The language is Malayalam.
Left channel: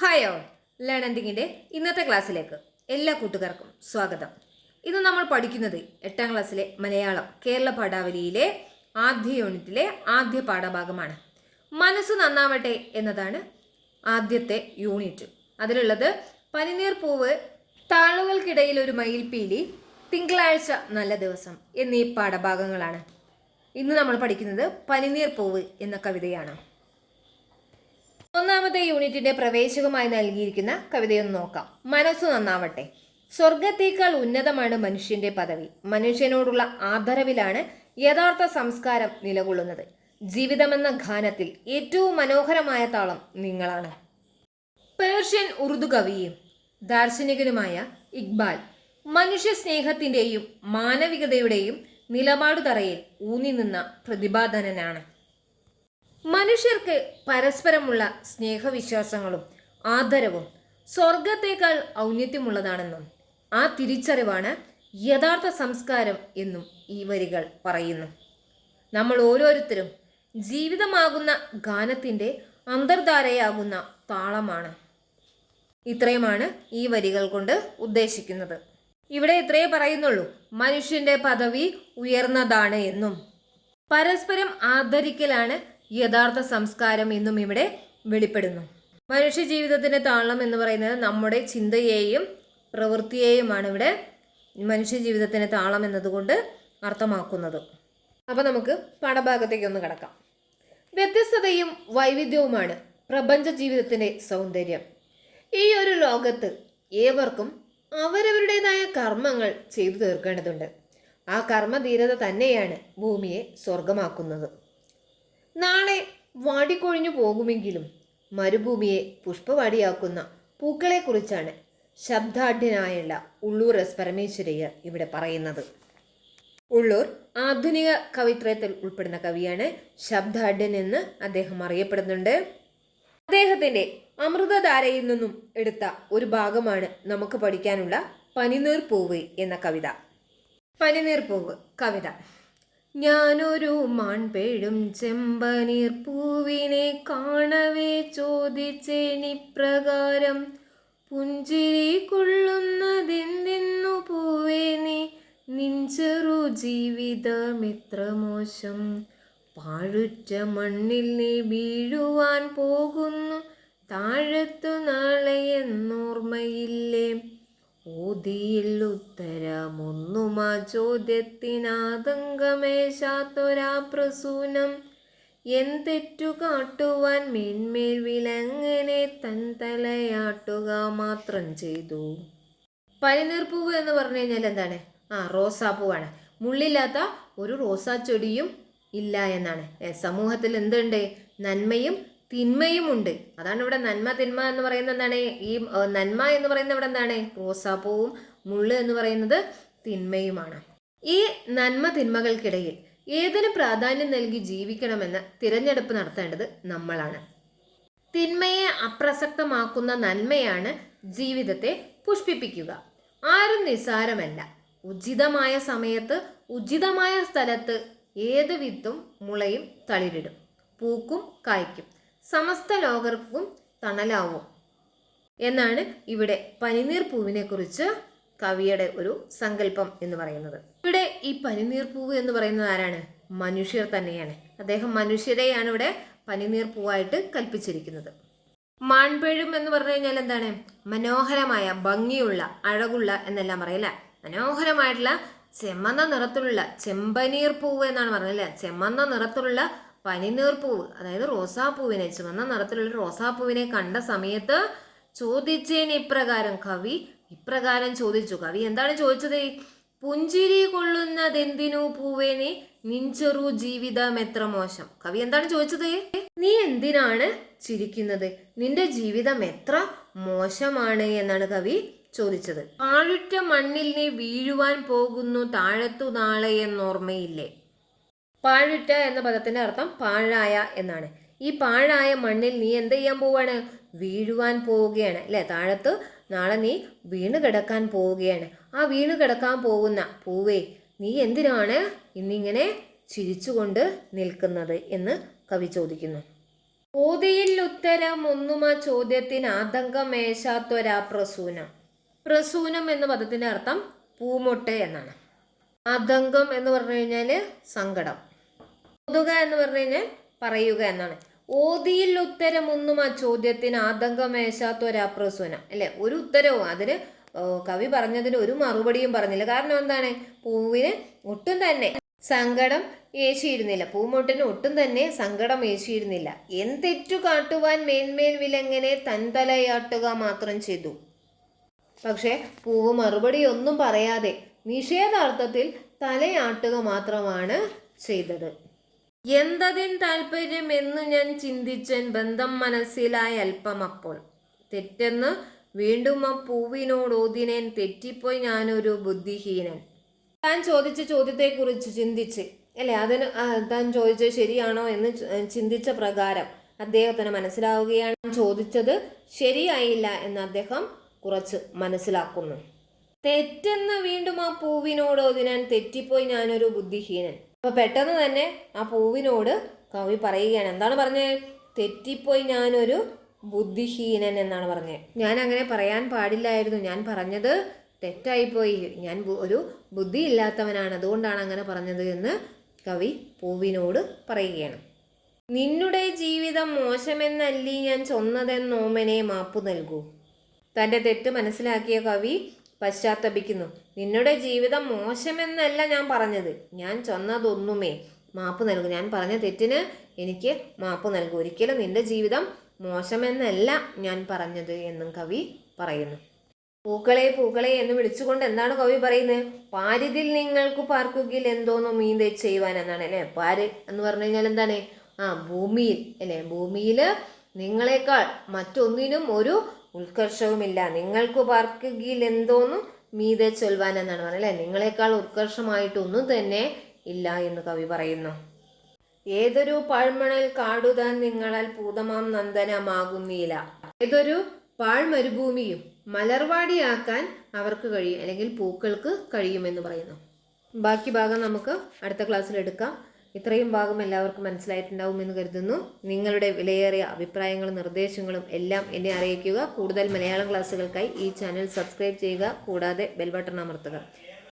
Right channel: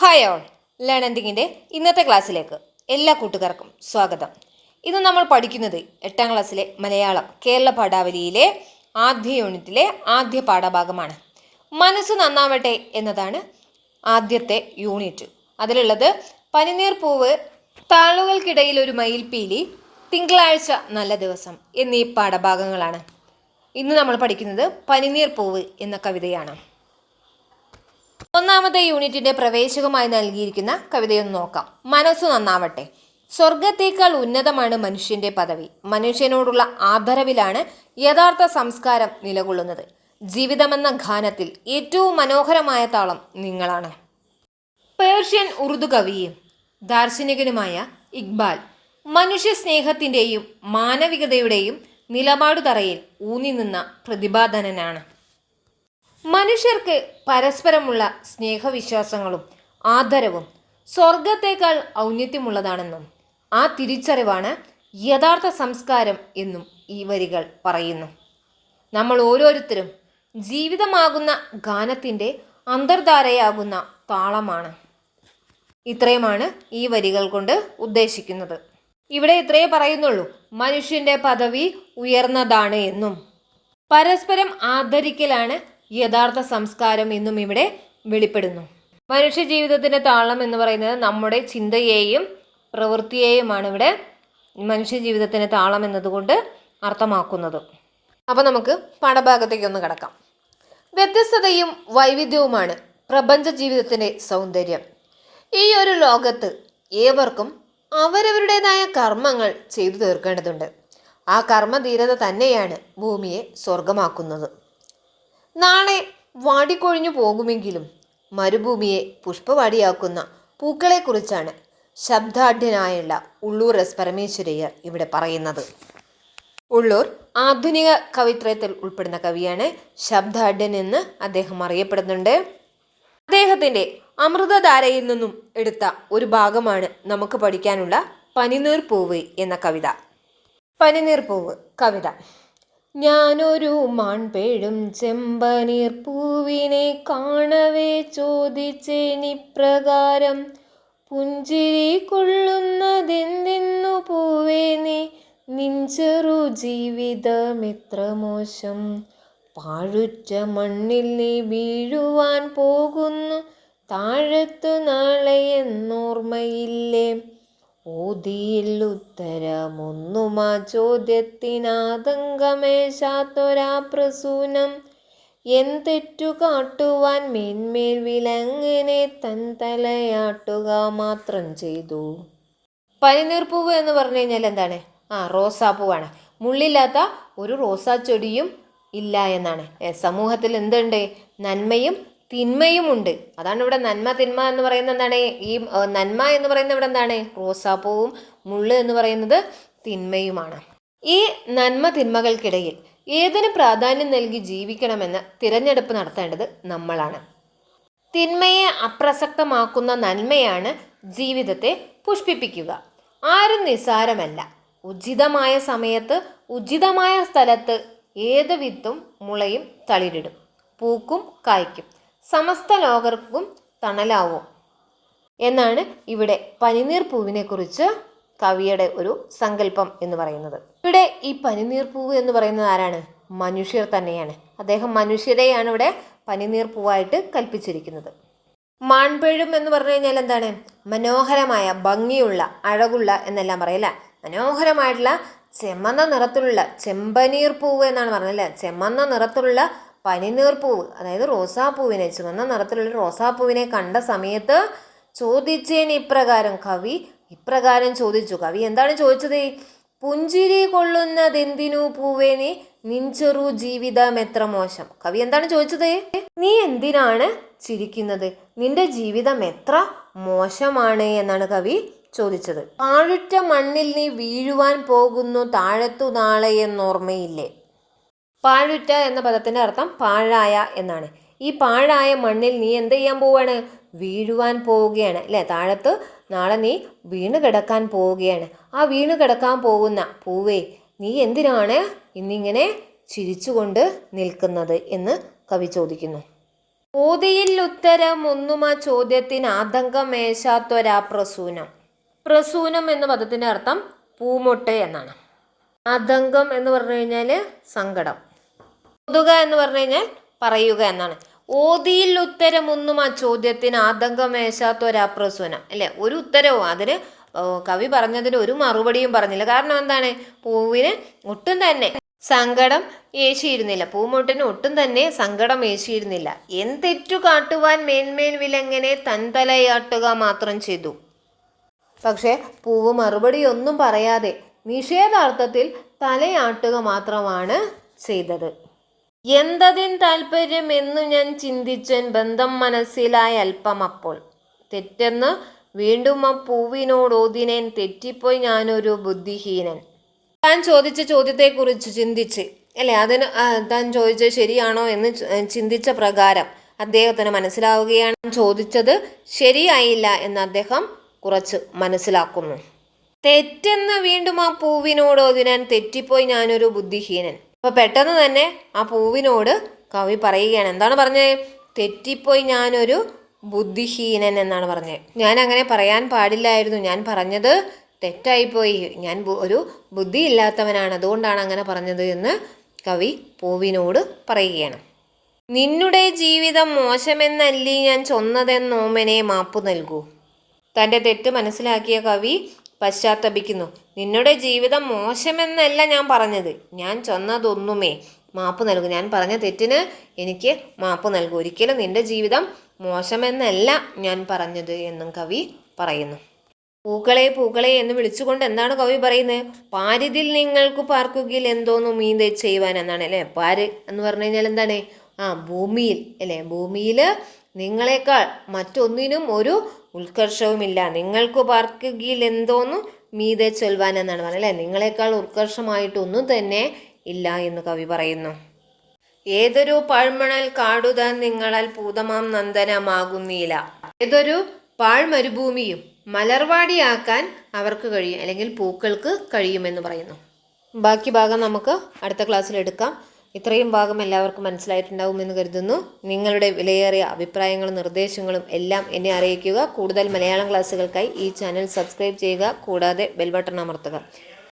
ഹായ് ഓൾ ലേണന്റിങ്ങിന്റെ ഇന്നത്തെ ക്ലാസ്സിലേക്ക് എല്ലാ കൂട്ടുകാർക്കും സ്വാഗതം. ഇന്ന് നമ്മൾ പഠിക്കുന്നത് എട്ടാം ക്ലാസ്സിലെ മലയാളം കേരള പാഠാവലിയിലെ ആദ്യ യൂണിറ്റിലെ ആദ്യ പാഠഭാഗമാണ്. മനസ്സ് നന്നാവട്ടെ എന്നതാണ് ആദ്യത്തെ യൂണിറ്റ്. അതിലുള്ളത് പനിനീർ പൂവ് താളുകൾക്കിടയിൽ ഒരു മയിൽപ്പീലി തിങ്കളാഴ്ച നല്ല ദിവസം എന്നീ പാഠഭാഗങ്ങളാണ്. ഇന്ന് നമ്മൾ പഠിക്കുന്നത് പനിനീർ പൂവ് എന്ന കവിതയാണ്. ഒന്നാമത്തെ യൂണിറ്റിന്റെ പ്രവേശകമായി നൽകിയിരിക്കുന്ന കവിതയൊന്ന് നോക്കാം. മനസ്സു നന്നാവട്ടെ. സ്വർഗത്തേക്കാൾ ഉന്നതമാണ് മനുഷ്യന്റെ പദവി. മനുഷ്യനോടുള്ള ആദരവിലാണ് യഥാർത്ഥ സംസ്കാരം നിലകൊള്ളുന്നത്. ജീവിതമെന്ന ഗാനത്തിൽ ഏറ്റവും മനോഹരമായ താളം നിങ്ങളാണ്. പേർഷ്യൻ ഉറുദു കവിയും ദാർശനികനുമായ ഇക്ബാൽ മനുഷ്യ സ്നേഹത്തിന്റെയും മാനവികതയുടെയും നിലപാടുതറയിൽ ഊന്നി നിന്ന പ്രതിപാദനനാണ് മനുഷ്യർക്ക് പരസ്പരമുള്ള സ്നേഹവിശ്വാസങ്ങളും ആദരവും സ്വർഗത്തേക്കാൾ ഔന്നത്യമുള്ളതാണെന്നും ആ തിരിച്ചറിവാണ് യഥാർത്ഥ സംസ്കാരം എന്നും ഈ വരികൾ പറയുന്നു. നമ്മൾ ഓരോരുത്തരും ജീവിതമാകുന്ന ഗാനത്തിന്റെ അന്തർധാരയാകുന്ന താളമാണ്. ഇത്രയുമാണ് ഈ വരികൾ കൊണ്ട് ഉദ്ദേശിക്കുന്നത്. ഇവിടെ ഇത്രയേ പറയുന്നുള്ളൂ. മനുഷ്യന്റെ പദവി ഉയർന്നതാണ് എന്നും. പരസ്പരം ആദരിക്കലാണ് യഥാർത്ഥ സംസ്കാരം എന്നും ഇവിടെ വെളിപ്പെടുന്നു. മനുഷ്യ ജീവിതത്തിന്റെ താളം എന്ന് പറയുന്നത് നമ്മുടെ ചിന്തയെയും പ്രവൃത്തിയെയുമാണ് ഇവിടെ മനുഷ്യ ജീവിതത്തിന്റെ താളം എന്നതുകൊണ്ട് അർത്ഥമാക്കുന്നത്. അപ്പോൾ നമുക്ക് പാഠഭാഗത്തേക്ക് ഒന്ന് കിടക്കാം. വ്യത്യസ്തതയും വൈവിധ്യവുമാണ് പ്രപഞ്ച ജീവിതത്തിന്റെ സൗന്ദര്യം. ഈ ഒരു ലോകത്ത് ഏവർക്കും അവരവരുടേതായ കർമ്മങ്ങൾ ചെയ്തു തീർക്കേണ്ടതുണ്ട്. ആ കർമ്മധീരത തന്നെയാണ് ഭൂമിയെ സ്വർഗമാക്കുന്നത് നാളെ വാടിക്കൊഴിഞ്ഞു പോകുമെങ്കിലും മരുഭൂമിയെ പുഷ്പവാടിയാക്കുന്ന പൂക്കളെക്കുറിച്ചാണ് ശബ്ദാഢ്യനായുള്ള ഉള്ളൂർ എസ് പരമേശ്വരയ്യർ ഇവിടെ പറയുന്നത്. ഉള്ളൂർ ആധുനിക കവിത്രയത്തിൽ ഉൾപ്പെടുന്ന കവിയാണ് ശബ്ദാഢ്യൻ എന്ന് അദ്ദേഹം അറിയപ്പെടുന്നുണ്ട്. അദ്ദേഹത്തിന്റെ അമൃതധാരയിൽ നിന്നും എടുത്ത ഒരു ഭാഗമാണ് നമുക്ക് പഠിക്കാനുള്ള പനിനീർ പൂവ് എന്ന കവിത. പനിനീർ പൂവ് കവിത. ഞാനൊരു മാൺപേഴും ചെമ്പനീർ പൂവിനെ കാണവേ ചോദിച്ചേനിപ്രകാരം പുഞ്ചിരി കൊള്ളുന്നതെന്തെന്നു പൂവേ നീ നിഞ്ചെറു ജീവിതമെത്ര മോശം. പാഴുറ്റ മണ്ണിൽ നീ വീഴുവാൻ പോകുന്നു താഴത്തു നാളെ എന്നോർമ്മയില്ലേ. ഓതിയിൽ ആ ചോദ്യത്തിനാതങ്കമേശാത്തൊരാ പ്രസൂനം എന്തെറ്റു കാട്ടുവാൻ മേന്മേൽ വിലങ്ങനെ തൻ തലയാട്ടുക മാത്രം ചെയ്തു. പനിനീർപ്പൂവ് എന്ന് പറഞ്ഞു കഴിഞ്ഞാൽ എന്താണ്? ആ റോസാപ്പൂവാണ് മുള്ളില്ലാത്ത ഒരു റോസാ ചെടിയും ഇല്ല എന്നാണ്. സമൂഹത്തിൽ എന്തുണ്ട്? നന്മയും തിന്മയും ഉണ്ട് അതാണ് ഇവിടെ നന്മ തിന്മ എന്ന് പറയുന്നത് എന്താണ്? ഈ നന്മ എന്ന് പറയുന്നത് ഇവിടെ എന്താണ്? റോസാപ്പൂവും മുള്ള് എന്ന് പറയുന്നത് തിന്മയുമാണ്. ഈ നന്മ തിന്മകൾക്കിടയിൽ ഏതിന് പ്രാധാന്യം നൽകി ജീവിക്കണമെന്ന് തിരഞ്ഞെടുപ്പ് നടത്തേണ്ടത് നമ്മളാണ്. തിന്മയെ അപ്രസക്തമാക്കുന്ന നന്മയാണ് ജീവിതത്തെ പുഷ്പിപ്പിക്കുക. ആരും നിസ്സാരമല്ല. ഉചിതമായ സമയത്ത് ഉചിതമായ സ്ഥലത്ത് ഏത് വിത്തും മുളയും തളിരിടും. പൂക്കും കായ്ക്കും. സമസ്ത ലോകർക്കും തണലാവും. എന്നാണ് ഇവിടെ പനിനീർ പൂവിനെക്കുറിച്ച് കവിയുടെ ഒരു സങ്കല്പം എന്ന് പറയുന്നത്. ഇവിടെ ഈ പനിനീർ പൂവ് എന്ന് പറയുന്നത് ആരാണ്? മനുഷ്യർ തന്നെയാണ്. അദ്ദേഹം മനുഷ്യരെയാണ് ഇവിടെ പനിനീർ പൂവായിട്ട് കൽപ്പിച്ചിരിക്കുന്നത്. മാൺപേഴും എന്ന് പറഞ്ഞു കഴിഞ്ഞാൽ എന്താണ്? മനോഹരമായ ഭംഗിയുള്ള അഴകുള്ള എന്നെല്ലാം പറയല്ല മനോഹരമായിട്ടുള്ള ചെമ്മന്ന നിറത്തിലുള്ള ചെമ്പനീർ പൂവ് എന്നാണ് പറഞ്ഞത് ചെമ്മന്ന നിറത്തിലുള്ള പനിനീർ പൂവ് അതായത് റോസാപ്പൂവിനെ ചുവന്ന നിറത്തിലുള്ള റോസാപ്പൂവിനെ കണ്ട സമയത്ത് ചോദിച്ചേന് ഇപ്രകാരം കവി ഇപ്രകാരം ചോദിച്ചു. കവി എന്താണ് ചോദിച്ചത്? പുഞ്ചിരി കൊള്ളുന്നതെന്തിനു പൂവേ നീ? നിഞ്ചെറു ജീവിതം എത്ര മോശം. കവി എന്താണ് ചോദിച്ചത്? നീ എന്തിനാണ് ചിരിക്കുന്നത്? നിന്റെ ജീവിതം എത്ര മോശമാണ് എന്നാണ് കവി ചോദിച്ചത്. പാഴുറ്റ മണ്ണിൽ നീ വീഴുവാൻ പോകുന്നു താഴത്തു നാളെ എന്നോർമ്മയില്ലേ? പാഴുറ്റ എന്ന പദത്തിന്റെ അർത്ഥം പാഴായ എന്നാണ്. ഈ പാഴായ മണ്ണിൽ നീ എന്ത് ചെയ്യാൻ പോവുകയാണ്? വീഴുവാൻ പോവുകയാണ്. അല്ലേ? താഴത്ത് നാളെ നീ വീണ് കിടക്കാൻ പോവുകയാണ്. ആ വീണ് കിടക്കാൻ പോകുന്ന പൂവേ നീ എന്തിനാണ് ഇന്നിങ്ങനെ ചിരിച്ചുകൊണ്ട് നിൽക്കുന്നത് എന്ന് കവി ചോദിക്കുന്നു. ഓതിയിൽ ഉത്തരം ഒന്നും ആ ചോദ്യത്തിന് ആതങ്കമേശാത്തൊരാ പ്രസൂനം. പ്രസൂനം എന്ന പദത്തിന്റെ അർത്ഥം പൂമൊട്ട് എന്നാണ്. ആതങ്കം എന്ന് പറഞ്ഞു കഴിഞ്ഞാൽ സങ്കടം. ഓതുക എന്ന് പറഞ്ഞു കഴിഞ്ഞാൽ പറയുക എന്നാണ്. ഓതിയിൽ ഉത്തരമൊന്നും ആ ചോദ്യത്തിന് ആതങ്കമേശാത്ത ഒരാപ്രസുവന അല്ലേ? ഒരു ഉത്തരവും അതിന് കവി പറഞ്ഞതിന് ഒരു മറുപടിയും പറഞ്ഞില്ല. കാരണം എന്താണ്? പൂവിന് ഒട്ടും തന്നെ സങ്കടം ഏശിയിരുന്നില്ല. പൂമൊട്ടിന് ഒട്ടും തന്നെ സങ്കടം ഏശിയിരുന്നില്ല. എന്തെറ്റു കാട്ടുവാൻ മേന്മേൽ വിലങ്ങനെ തൻതലയാട്ടുക മാത്രം ചെയ്തു. പക്ഷേ പൂവ് മറുപടി ഒന്നും പറയാതെ നിഷേധാർത്ഥത്തിൽ തലയാട്ടുക മാത്രമാണ് ചെയ്തത്. എന്തതിൻ താല്പര്യം എന്നു ഞാൻ ചിന്തിച്ചൻ ബന്ധം മനസ്സിലായ അല്പം അപ്പോൾ. തെറ്റെന്ന് വീണ്ടും ആ പൂവിനോട് ഓതിനേൻ തെറ്റിപ്പോയി ഞാനൊരു ബുദ്ധിഹീനൻ. താൻ ചോദിച്ച ചോദ്യത്തെക്കുറിച്ച് ചിന്തിച്ച് അല്ലേ? അതിന് താൻ ചോദിച്ചത് ശരിയാണോ എന്ന് ചിന്തിച്ച പ്രകാരം അദ്ദേഹത്തിന് മനസ്സിലാവുകയാണ് ചോദിച്ചത് ശരിയായില്ല എന്ന് അദ്ദേഹം കുറച്ച് മനസ്സിലാക്കുന്നു. തെറ്റെന്ന് വീണ്ടും ആ പൂവിനോട് ഞാൻ തെറ്റിപ്പോയി ഞാനൊരു ബുദ്ധിഹീനൻ. അപ്പൊ പെട്ടെന്ന് തന്നെ ആ പൂവിനോട് കവി പറയുകയാണ്. എന്താണ് പറഞ്ഞത് തെറ്റിപ്പോയി ഞാനൊരു ബുദ്ധിഹീനൻ എന്നാണ് പറഞ്ഞത് ഞാൻ അങ്ങനെ പറയാൻ പാടില്ലായിരുന്നു. ഞാൻ പറഞ്ഞത് തെറ്റായിപ്പോയി. ഞാൻ ഒരു ബുദ്ധിയില്ലാത്തവനാണ്. അതുകൊണ്ടാണ് അങ്ങനെ പറഞ്ഞത് എന്ന് കവി പൂവിനോട് പറയുകയാണ്. നിന്നുടെ ജീവിതം മോശമെന്നല്ലി ഞാൻ ചൊന്നതെന്നോമനെ മാപ്പു നൽകൂ. തന്റെ തെറ്റ് മനസ്സിലാക്കിയ കവി പശ്ചാത്തപിക്കുന്നു. നിന്നുടെ ജീവിതം മോശമെന്നല്ല ഞാൻ പറഞ്ഞത്. ഞാൻ ചൊന്നതൊന്നുമേ. മാപ്പ് നൽകും. ഞാൻ പറഞ്ഞ തെറ്റിന് എനിക്ക് മാപ്പ് നൽകൂ. ഒരിക്കലും നിന്റെ ജീവിതം മോശമെന്നല്ല ഞാൻ പറഞ്ഞത് എന്നും കവി പറയുന്നു. പൂക്കളെ പൂക്കളെ എന്ന് വിളിച്ചുകൊണ്ട് എന്താണ് കവി പറയുന്നത്? പാരിതിൽ നിങ്ങൾക്ക് പാർക്കുകിൽ എന്തോന്നു മീതെ ചെയ്യുവാൻ എന്നാണ് അല്ലേ? പാര് എന്ന് പറഞ്ഞു കഴിഞ്ഞാൽ എന്താണ്? ആ ഭൂമിയിൽ അല്ലേ? ഭൂമിയിൽ നിങ്ങളെക്കാൾ മറ്റൊന്നിനും ഒരു ഉത്കർഷവുമില്ല. നിങ്ങൾക്ക് പാർക്കുകയിൽ എന്തോന്ന് മീതെ ചൊൽവാൻ എന്നാണ് പറയുന്നത് അല്ലേ? നിങ്ങളെക്കാൾ ഉത്കർഷമായിട്ടൊന്നും തന്നെ ഇല്ല എന്ന് കവി പറയുന്നു. ഏതൊരു പാഴ്മണൽ കാടുതാൻ നിങ്ങളാൽ പൂതമാം നന്ദനമാകുന്നില്ല. ഏതൊരു പാഴ്മരുഭൂമിയും മലർവാടിയാക്കാൻ അവർക്ക് കഴിയും അല്ലെങ്കിൽ പൂക്കൾക്ക് കഴിയുമെന്ന് പറയുന്നു. ബാക്കി ഭാഗം നമുക്ക് അടുത്ത ക്ലാസ്സിൽ എടുക്കാം. ഇത്രയും ഭാഗം എല്ലാവർക്കും മനസ്സിലായിട്ടുണ്ടാവുമെന്ന് കരുതുന്നു. നിങ്ങളുടെ വിലയേറിയ അഭിപ്രായങ്ങളും നിർദ്ദേശങ്ങളും എല്ലാം എന്നെ അറിയിക്കുക. കൂടുതൽ മലയാളം ക്ലാസ്സുകൾക്കായി ഈ ചാനൽ സബ്സ്ക്രൈബ് ചെയ്യുക. കൂടാതെ ബെൽ ബട്ടൺ അമർത്തുക.